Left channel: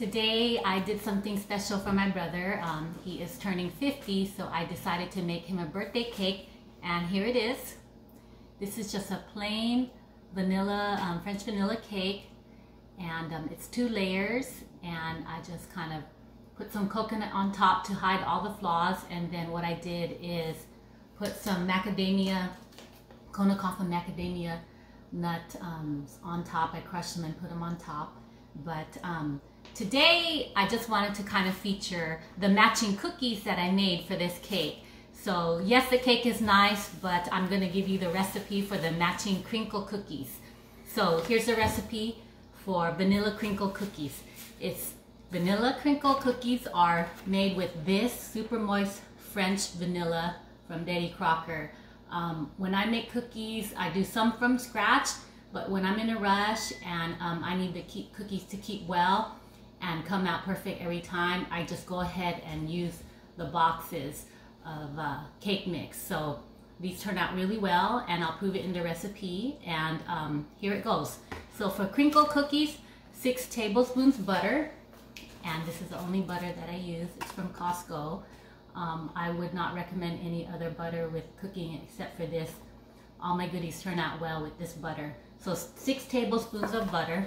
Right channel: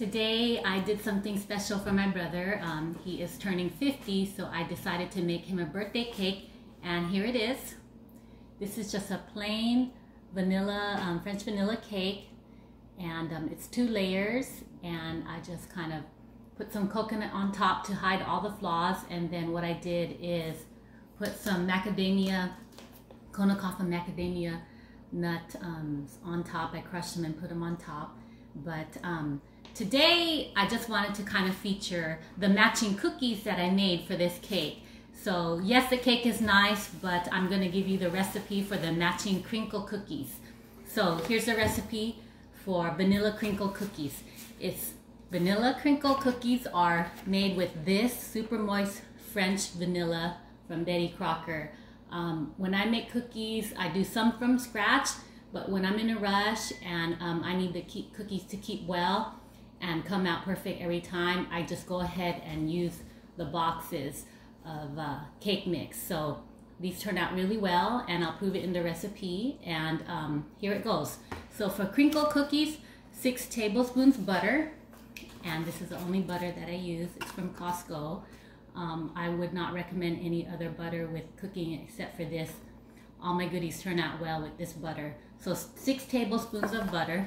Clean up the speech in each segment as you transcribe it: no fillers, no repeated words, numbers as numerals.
Today I did something special for my brother. He is turning 50, so I decided to make him a birthday cake, and here it is. This is just a plain vanilla, French vanilla cake, and it's 2 layers, and I just kind of put some coconut on top to hide all the flaws, and then what I did is put some macadamia, Kona coffee macadamia nut on top. I crushed them and put them on top. But today I just wanted to kind of feature the matching cookies that I made for this cake. So yes, the cake is nice, but I'm going to give you the recipe for the matching crinkle cookies. So here's the recipe for vanilla crinkle cookies. It's vanilla crinkle cookies are made with this super moist French vanilla from Betty Crocker. When I make cookies, I do some from scratch, but when I'm in a rush and I need the cookies to keep well and come out perfect every time, I just go ahead and use the boxes of cake mix. So these turn out really well, and I'll prove it in the recipe, and here it goes. So for crinkle cookies, 6 tablespoons butter, and this is the only butter that I use. It's from Costco. I would not recommend any other butter with cooking except for this. All my goodies turn out well with this butter. So 6 tablespoons of butter,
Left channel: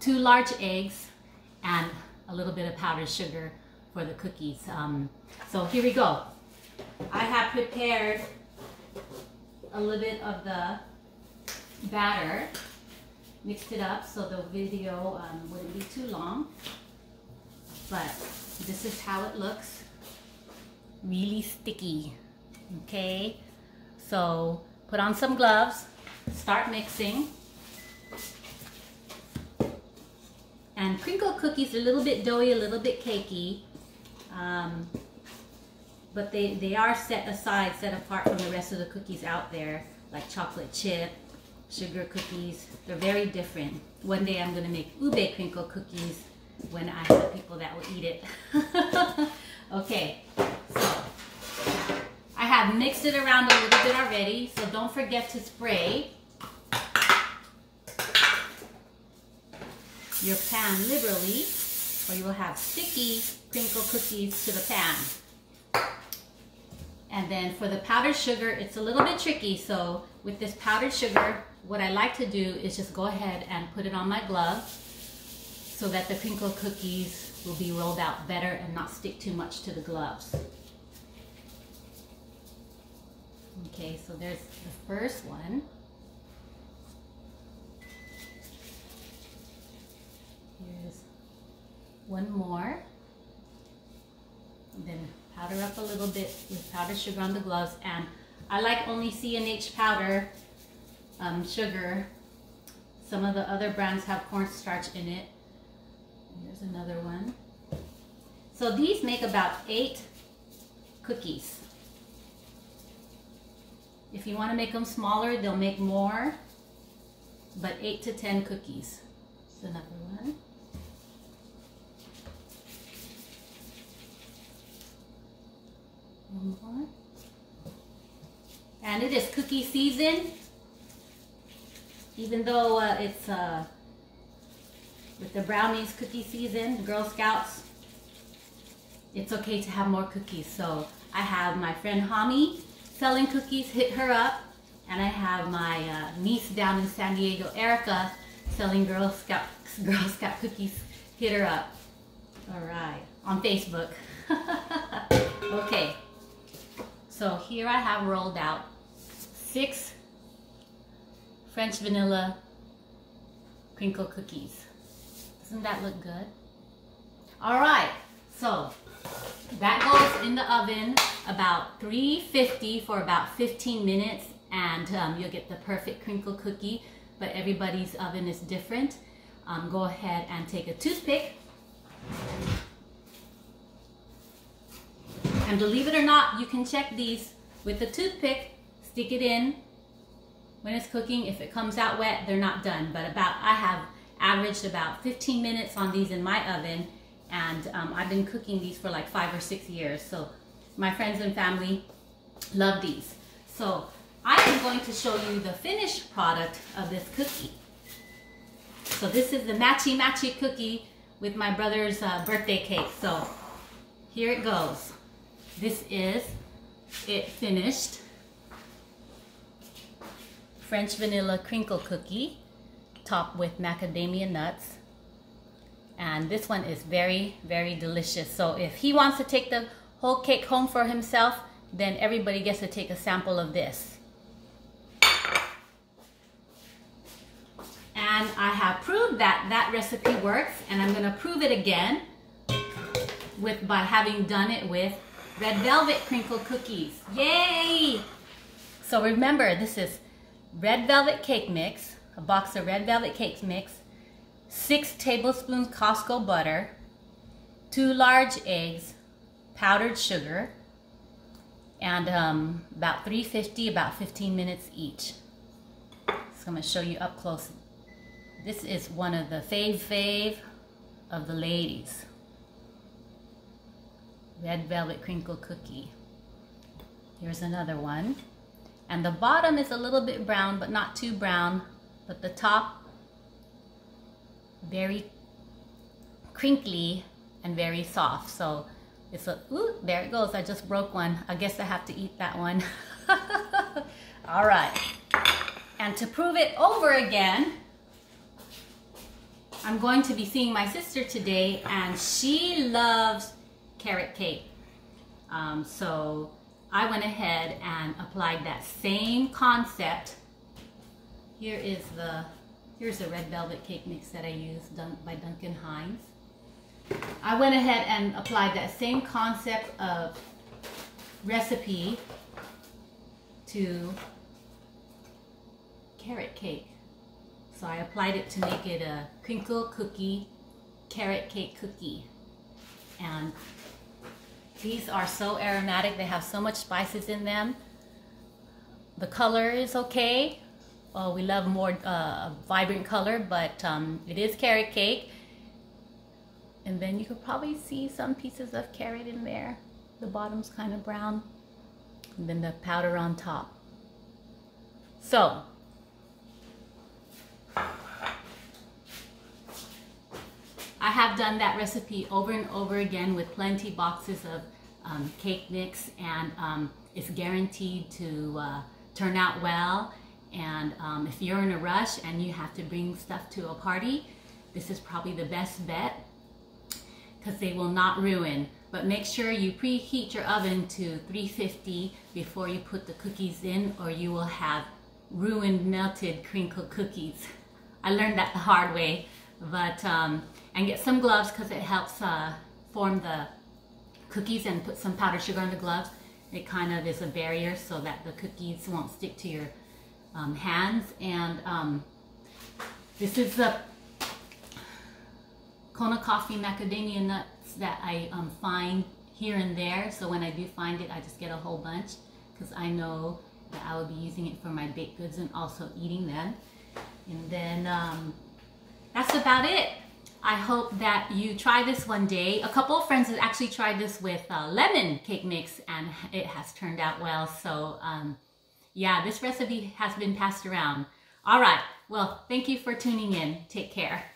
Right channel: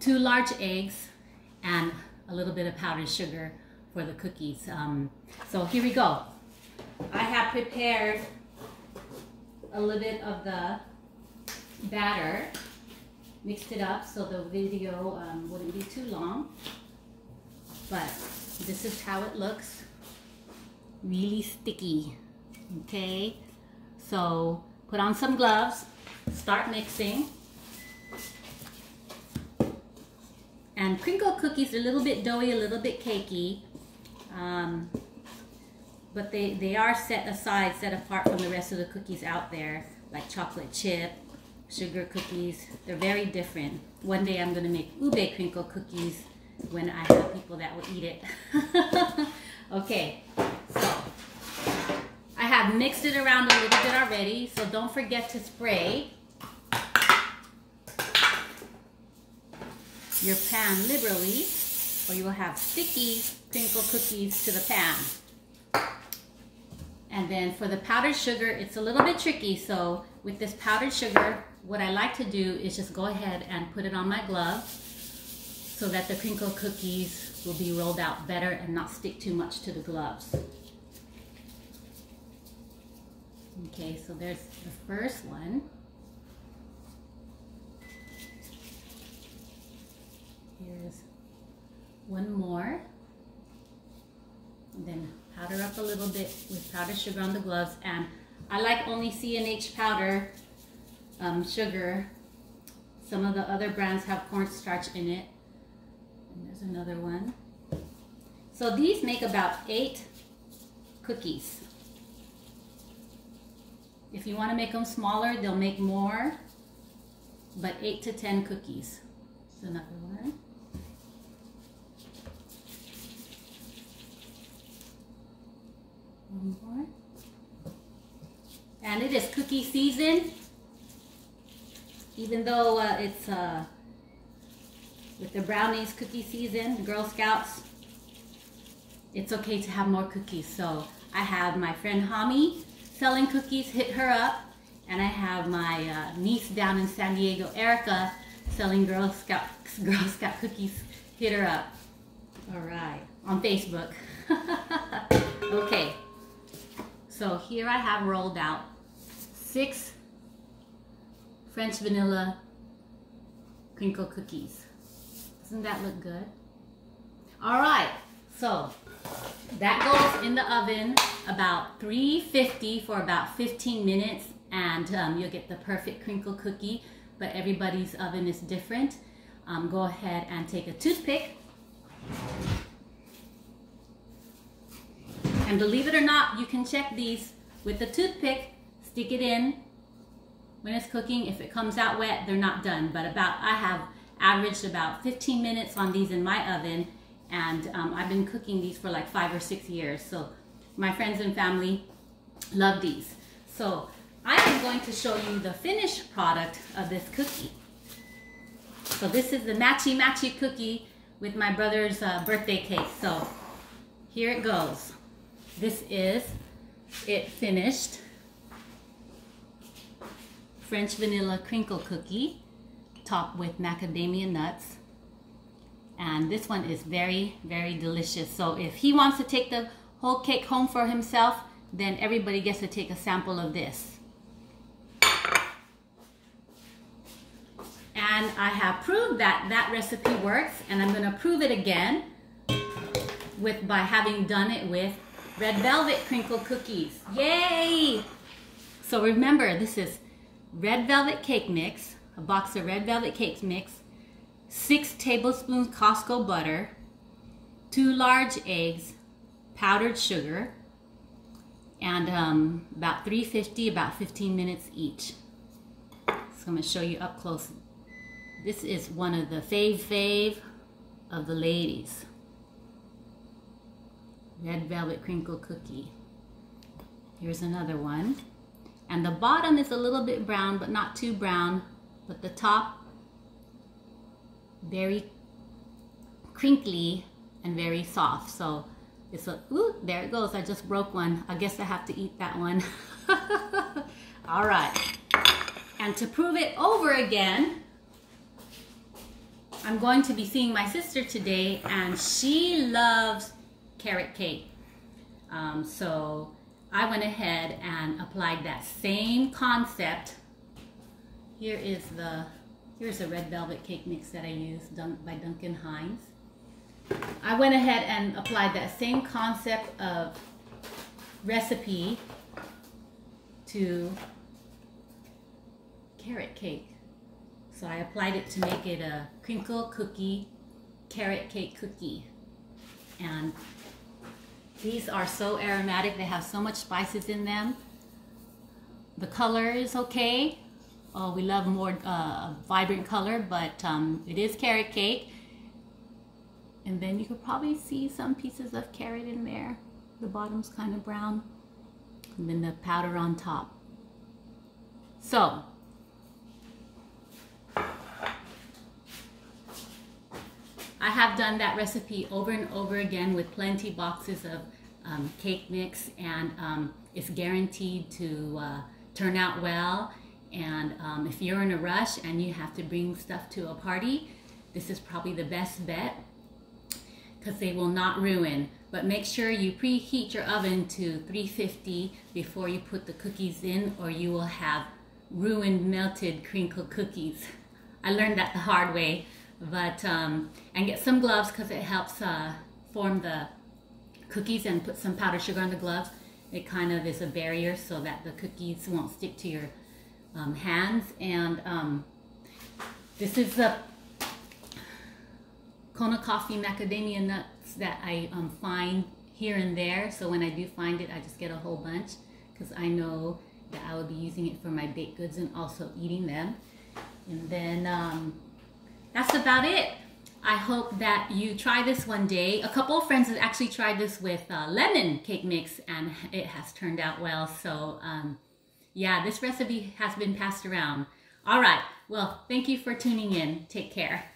2 large eggs, and a little bit of powdered sugar for the cookies. So here we go. I have prepared a little bit of the batter, mixed it up so the video wouldn't be too long, but this is how it looks. Really sticky. Okay, so put on some gloves, start mixing. And crinkle cookies are a little bit doughy, a little bit cakey, but they are set aside, set apart from the rest of the cookies out there, like chocolate chip, sugar cookies. They're very different. One day I'm going to make ube crinkle cookies when I have people that will eat it. Okay, so I have mixed it around a little bit already, so don't forget to spray your pan liberally, or you will have sticky crinkle cookies to the pan. And then for the powdered sugar, it's a little bit tricky. So with this powdered sugar, what I like to do is just go ahead and put it on my glove so that the crinkle cookies will be rolled out better and not stick too much to the gloves. Okay, so there's the first one. Here's one more. And then powder up a little bit with powdered sugar on the gloves. And I like only C&H powder sugar. Some of the other brands have cornstarch in it. And there's another one. So these make about 8 cookies. If you want to make them smaller, they'll make more, but 8 to 10 cookies. There's another one. One more. And it is cookie season. Even though it's with the brownies cookie season, the Girl Scouts, it's okay to have more cookies. So I have my friend Hami selling cookies, hit her up, and I have my niece down in San Diego, Erica, selling Girl Scout cookies, hit her up. All right, on Facebook. Okay, so here I have rolled out 6 French vanilla crinkle cookies. Doesn't that look good? All right, so that goes in the oven about 350 for about 15 minutes, and you'll get the perfect crinkle cookie, but everybody's oven is different. Go ahead and take a toothpick, and believe it or not, you can check these with a toothpick. Stick it in when it's cooking. If it comes out wet, they're not done, but I have averaged about 15 minutes on these in my oven. And I've been cooking these for like 5 or 6 years. So my friends and family love these. So I am going to show you the finished product of this cookie. So this is the matchy cookie with my brother's birthday cake. So here it goes. This is it finished. French vanilla crinkle cookie topped with macadamia nuts. And this one is very, very delicious. So if he wants to take the whole cake home for himself, then everybody gets to take a sample of this. And I have proved that that recipe works, and I'm going to prove it again by having done it with red velvet crinkle cookies. Yay! So remember, this is red velvet cake mix, a box of red velvet cake mix, 6 tablespoons Costco butter, 2 large eggs, powdered sugar, and about 350, about 15 minutes each. So I'm going to show you up close. This is one of the fave of the ladies. Red velvet crinkle cookie. Here's another one. And the bottom is a little bit brown, but not too brown. But the top, very crinkly and very soft. So it's a, ooh, there it goes. I just broke one. I guess I have to eat that one. All right. And to prove it over again, I'm going to be seeing my sister today, and she loves carrot cake. So I went ahead and applied that same concept. Here's the red velvet cake mix that I used by Duncan Hines. I went ahead and applied that same concept of recipe to carrot cake. So I applied it to make it a crinkle cookie, carrot cake cookie. And these are so aromatic. They have so much spices in them. The color is okay. Oh, we love more vibrant color, but it is carrot cake. And then you could probably see some pieces of carrot in there. The bottom's kind of brown. And then the powder on top. So, I have done that recipe over and over again with plenty boxes of cake mix, and it's guaranteed to turn out well. And if you're in a rush and you have to bring stuff to a party, this is probably the best bet, because they will not ruin. But make sure you preheat your oven to 350 before you put the cookies in, or you will have ruined melted crinkle cookies. I learned that the hard way. But and get some gloves, because it helps form the cookies, and put some powdered sugar on the gloves. It kind of is a barrier so that the cookies won't stick to your hands. And this is the Kona coffee macadamia nuts that I find here and there. So when I do find it, I just get a whole bunch, because I know that I will be using it for my baked goods and also eating them. And then that's about it. I hope that you try this one day. A couple of friends have actually tried this with lemon cake mix, and it has turned out well. So yeah, this recipe has been passed around. All right, well, thank you for tuning in. Take care.